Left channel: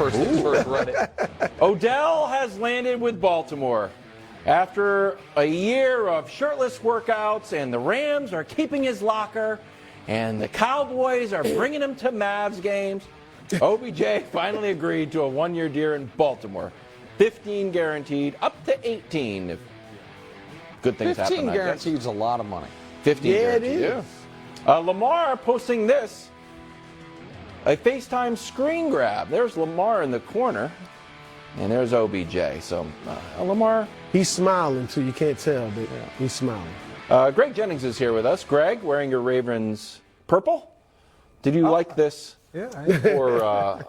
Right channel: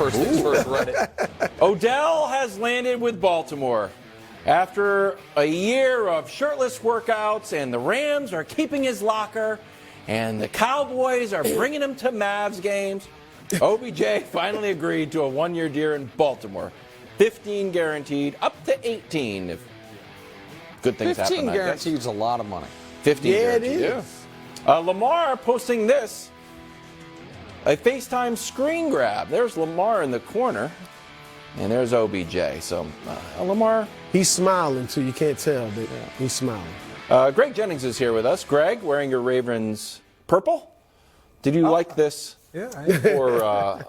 First things first, Reddit. Odell has landed with Baltimore. After a year of shirtless workouts, and the Rams are keeping his locker, and the Cowboys are bringing him to Mavs games, OBJ finally agreed to a one-year deal in Baltimore. 15 guaranteed, up to 18 if good things happen. 15 guaranteed is a lot of money. 15 guaranteed. It is. Yeah. Lamar posting this. A FaceTime screen grab. There's Lamar in the corner, and there's OBJ. So Lamar. He's smiling, too. You can't tell, but he's smiling. Greg Jennings is here with us. Greg, wearing your Ravens purple. Did you like this? Yeah. For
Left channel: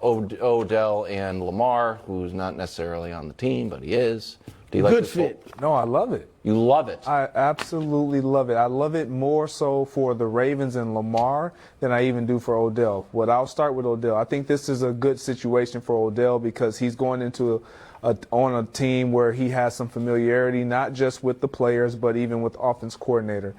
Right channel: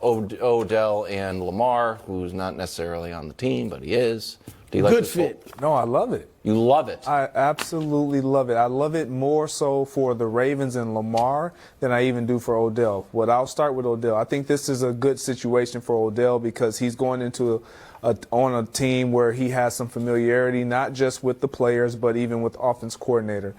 Odell and Lamar, who's not necessarily on the team, but he is. Do you like Good this fit. No, I love it. You love it. I absolutely love it. I love it more so for the Ravens and Lamar than I even do for Odell. But I'll start with Odell. I think this is a good situation for Odell because he's going into on a team where he has some familiarity, not just with the players, but even with offense coordinator.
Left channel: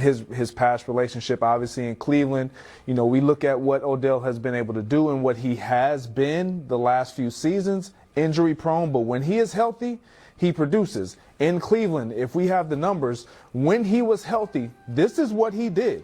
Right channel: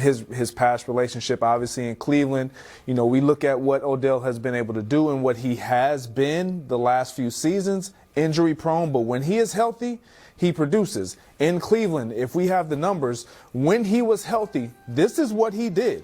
His past relationship, obviously, in Cleveland. You know, we look at what Odell has been able to do and what he has been the last few seasons, injury prone, but when he is healthy, he produces. In Cleveland, if we have the numbers, when he was healthy, this is what he did.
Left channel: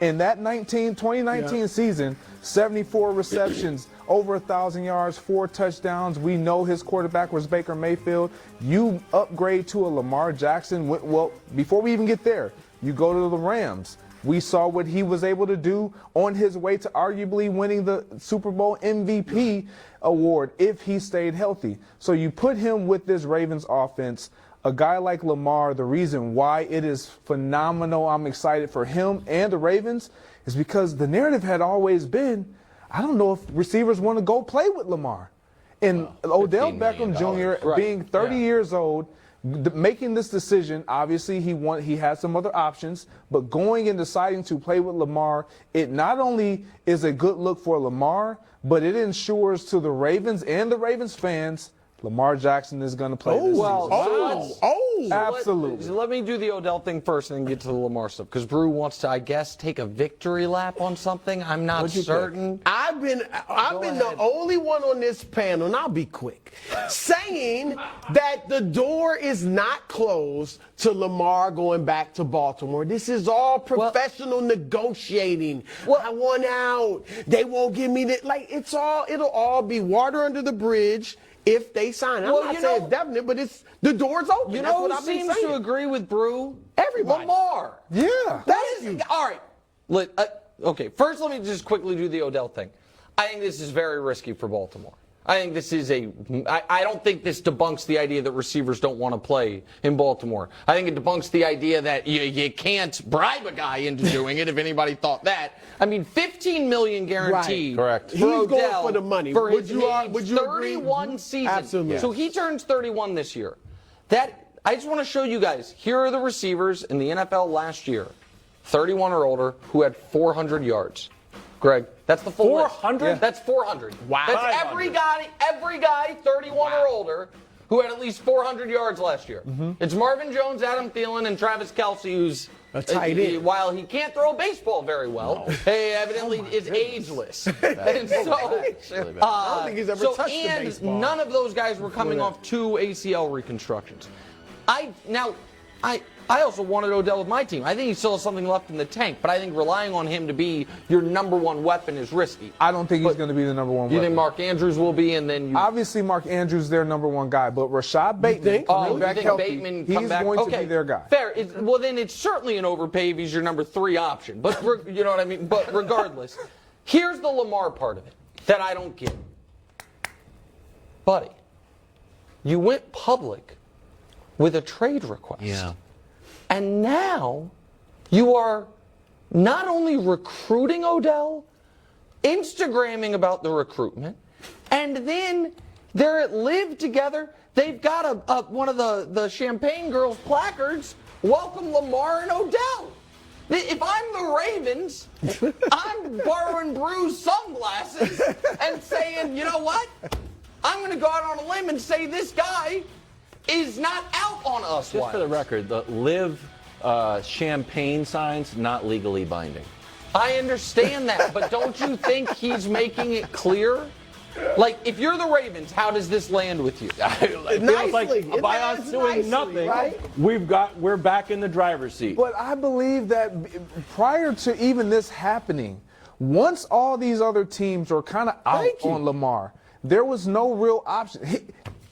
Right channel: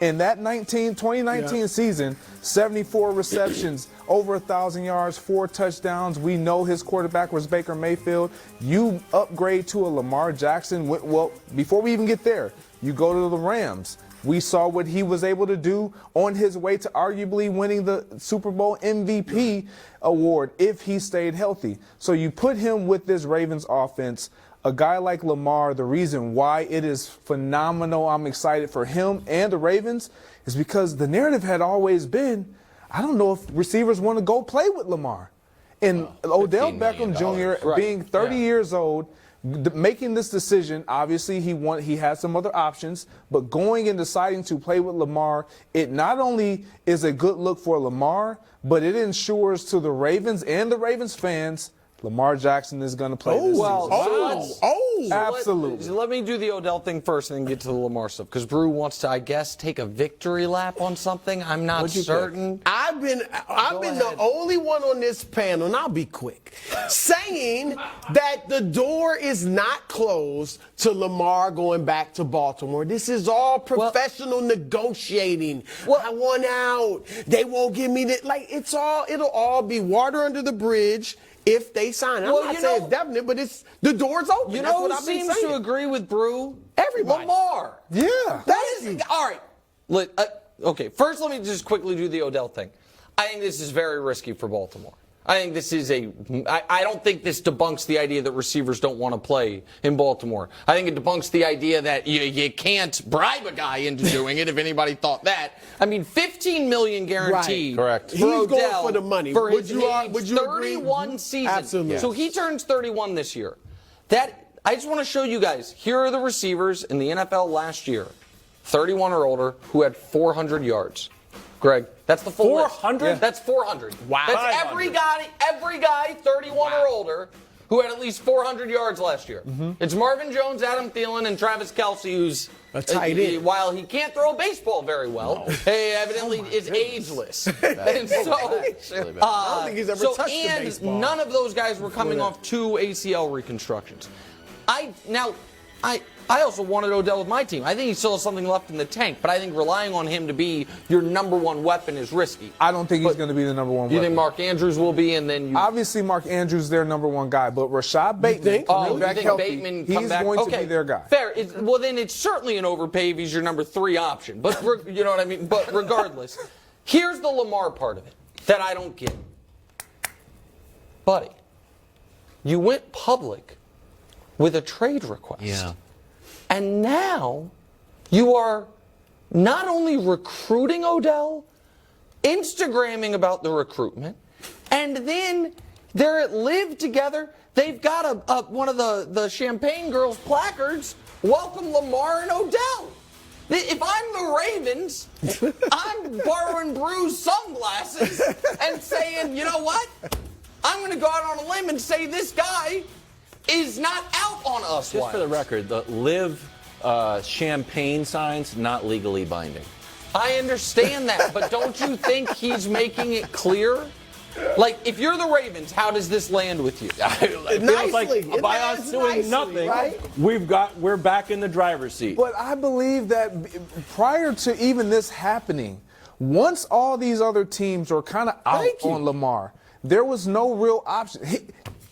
In that 2019 season, 74 receptions, over 1,000 yards, 4 touchdowns. We know his quarterback was Baker Mayfield. You upgrade to a Lamar Jackson. Well, before we even get there, you go to the Rams. We saw what he was able to do on his way to arguably winning the Super Bowl MVP award if he stayed healthy. So you put him with this Ravens offense. A guy like Lamar, the reason why it is phenomenal, I'm excited for him and the Ravens, is because the narrative had always been, I don't know if receivers want to go play with Lamar. And Odell Beckham Jr. being 30 years old, making this decision, obviously he had some other options, but going and deciding to play with Lamar, it not only is a good look for Lamar, but it ensures to the Ravens and the Ravens fans Lamar Jackson is going to play this season. Absolutely. Let me do the Odell thing first and then get to the Lamar stuff. Because Brew wants to, I guess, take a victory lap on something. I'm not certain. I've been the only one on this panel, and I'll be quick, saying that the door is not closed to Lamar going back to Baltimore. This is all professional negotiating. I want out. They won't give me that. Like, it'll all be water under the bridge if they sign. I'm not saying it's definite, but the door's open. You That's know what who I've been seems saying. to agree with Brew? Everybody. Lamar. Yeah. All right. Okay, first let me just quickly do the Odell thing. I think this is very risky for Baltimore. I think this is I don't think this debunks the idea that receivers don't want to play in Baltimore. I think it debunks the idea that you can't bribe a guy into doing it, if anybody thought that. I mean, $15 million guaranteed. Right. Correct. For He's Odell going for the money. For Would his you age, agree? 31 seasons. Absolutely. So he turns 31 this year. I just want to show you guys, here are the receivers in the NFL last year, 31 or older, who had 400 yards. Greg, that's the full 400? list. That's 400. Wow. That's every guy 31 or older who had at least 400 yards last year. It's Marvin Jones, Adam Thielen, and Travis Kelce, who's a tight end. While he can't throw a baseball very well, evidently is ageless. And so, I don't think he's ever touched a baseball. none of those guys were coming off 2 ACL reconstructions. I also wanted Odell with my team. I think he still has something left in the tank, but I think relying on him to be your number one weapon is risky. I don't think he's going to be the number one weapon. You think Mark Andrews will be, and then you... Obviously, Mark Andrews is their number one guy, but Rashad Bateman, coming back healthy, he's going to be their guy. Fair. Well, then it's certainly an overpay if he's your number 3 option. But you know what I mean? But regardless, here's the Lamar part of it that I don't get. Buddy, you went public with a trade request. Yeah. And now you are not only recruiting Odell, Instagramming about the recruitment, and then they're at Live together. They've got one of the Champagne Girls placards, welcome Lamar and Odell. If I'm the Ravens, I'm borrowing Brew's sunglasses and saying, you know what? I'm going to go out on a limb and say this guy is not out on us. Just for the record, the Live champagne signs, not legally binding. I understand that, but don't you think he's making it clear Like, if you're the Ravens, how does this land with you? It feels Nicely. like It by lands us doing nicely, nothing, right? we're back in the driver's seat. But I believe that prior to even this happening, once all these other teams were kind of out Thank you. on Lamar, there was no real option.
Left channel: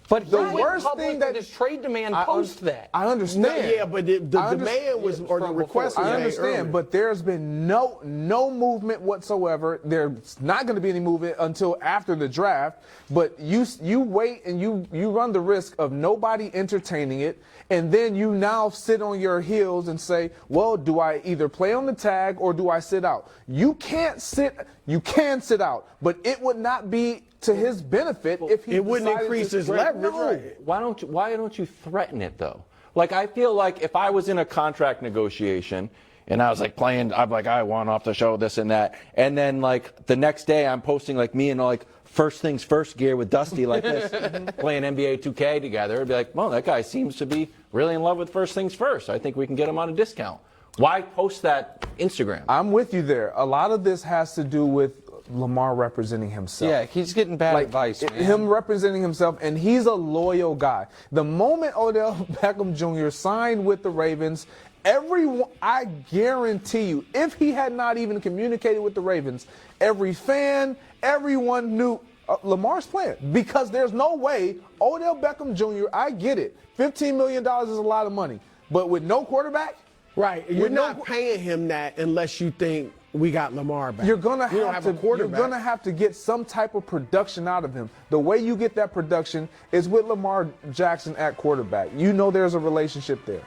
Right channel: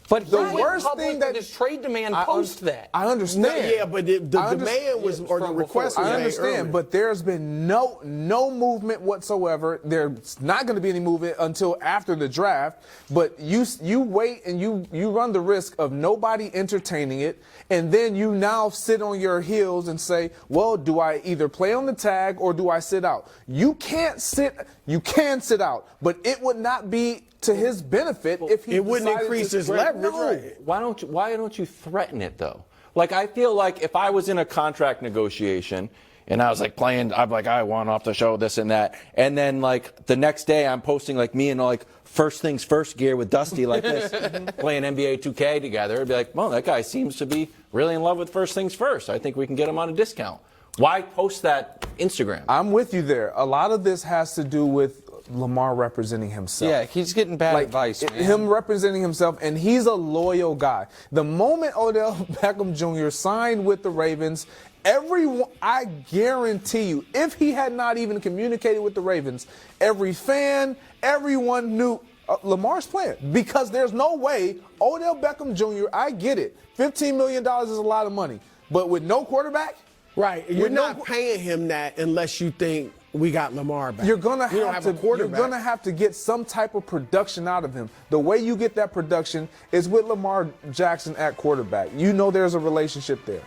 But the he went worst public thing with that his trade demand post that. I understand. No, yeah, but the I understand. demand was, or the from request before. was I made understand, earlier. but there's been no movement whatsoever. There's not going to be any movement until after the draft. But you wait and you run the risk of nobody entertaining it, and then you now sit on your heels and say, well, do I either play on the tag or do I sit out? You can't sit. You can sit out, but it would not be to his benefit if he it wouldn't decided increase to his spread- leverage, No. right? Why don't you threaten it though? Like, I feel like if I was in a contract negotiation and I was like I'm like, I want off the show, this and that, and then like the next day I'm posting like me and like first things first gear with Dusty like this, playing NBA 2K together, it'd be like, well, that guy seems to be really in love with first things first. I think we can get him on a discount. Why post that Instagram? I'm with you there. A lot of this has to do with Lamar representing himself. Yeah, he's getting bad advice, man. Him representing himself, and he's a loyal guy. The moment Odell Beckham Jr. signed with the Ravens, everyone, I guarantee you, if he had not even communicated with the Ravens, every fan, everyone knew Lamar's playing, because there's no way Odell Beckham Jr., I get it, $15 million is a lot of money, but with no quarterback, Right. You're not paying him that unless you think we got Lamar back. You're gonna We don't have have to. a quarterback. You're gonna have to get some type of production out of him. The way you get that production is with Lamar Jackson at quarterback. You know there's a relationship there.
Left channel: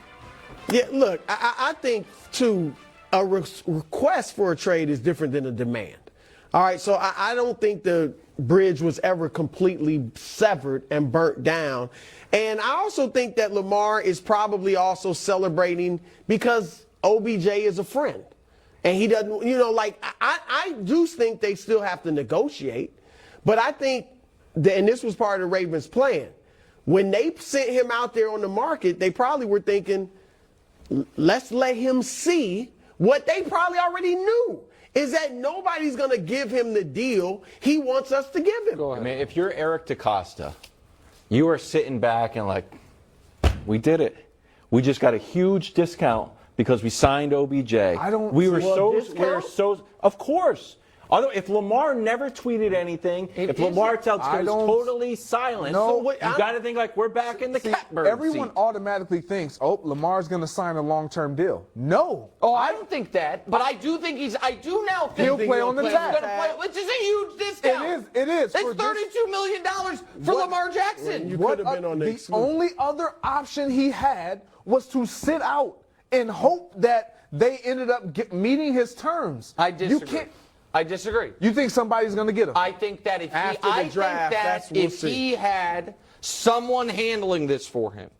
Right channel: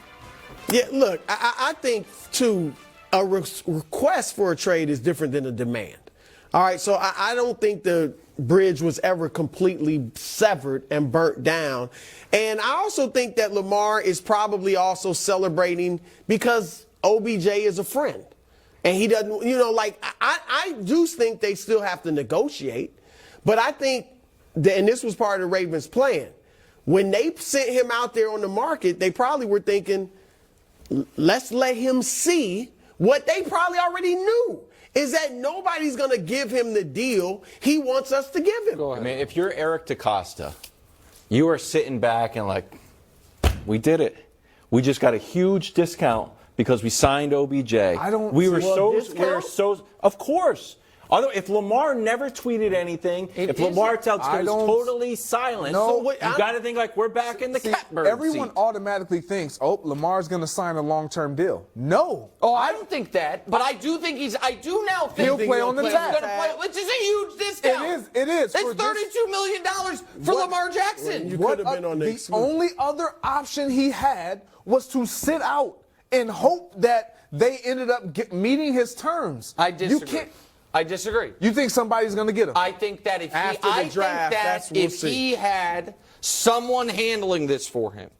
Yeah, look, I think, too, a request for a trade is different than a demand. All right, so I don't think the bridge was ever completely severed and burnt down. And I also think that Lamar is probably also celebrating because OBJ is a friend. And he doesn't, like, I do think they still have to negotiate. But I think, and this was part of the Ravens' plan, when they sent him out there on the market, they probably were thinking, let's let him see what they probably already knew, is that nobody's going to give him the deal he wants us to give him. I mean, if you're Eric DeCosta, you are sitting back and like, we did it. We just got a huge discount because we signed OBJ. We were so, of course. Although, if Lamar never tweeted anything, if Lamar was totally silent, you got to think like we're back in the catbird Everyone seat. automatically thinks, oh, Lamar's going to sign a long-term deal. No. Oh, I don't think that, but I do think I do now think He'll play on the he's tag. going to play, which is a huge discount. It is. It's For this- $32 million for Lamar Jackson. You could have been on the The exclusive. only other option he had was to sit out and hope that they ended up meeting his terms. I disagree. You can't. I disagree. You think somebody's going to get him? I think that if After the draft, he had someone handling this for him,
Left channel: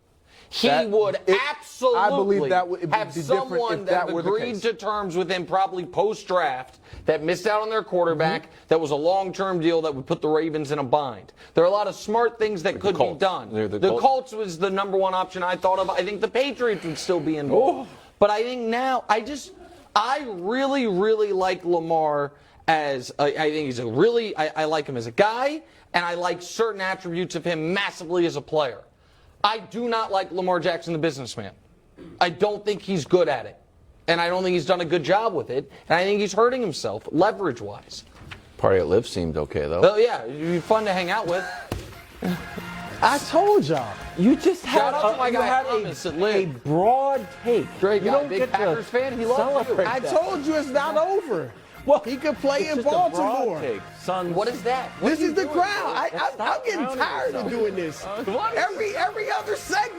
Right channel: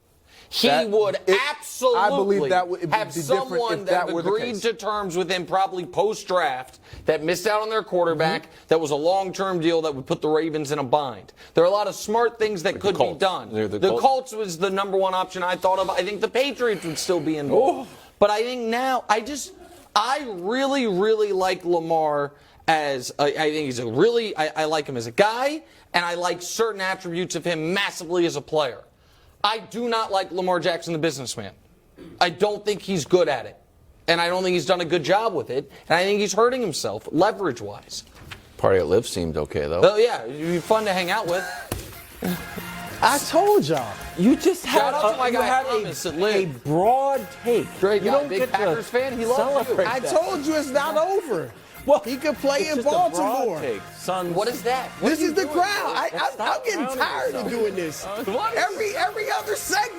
he That- would absolutely I believe that would be have different someone if that that were the agreed case. to terms with him probably post-draft that missed out on their quarterback, that was a long-term deal that would put the Ravens in a bind. There are a lot of smart things that could be Colts. done. The The Colts. Colts was the number one option I thought of. I think the Patriots would still be involved. But I think now, I really, really like Lamar as, I think he's I like him as a guy, and I like certain attributes of him massively as a player. I do not like Lamar Jackson, the businessman. I don't think he's good at it. And I don't think he's done a good job with it. And I think he's hurting himself, leverage-wise. Party at Live seemed okay, though. Oh, yeah, it'd be fun to hang out with. I told y'all. You just Shout out to my guy Thomas at Live. a broad take. Great You guy, don't big get Packers to fan. He loves you. celebrate I that. told you it's not over. Well, He could play it's in just a broad Baltimore. take. Suns. What is that? What This are you is the doing? crowd. I'm Stop getting crowning tired of yourself. doing this. What? Every other segment.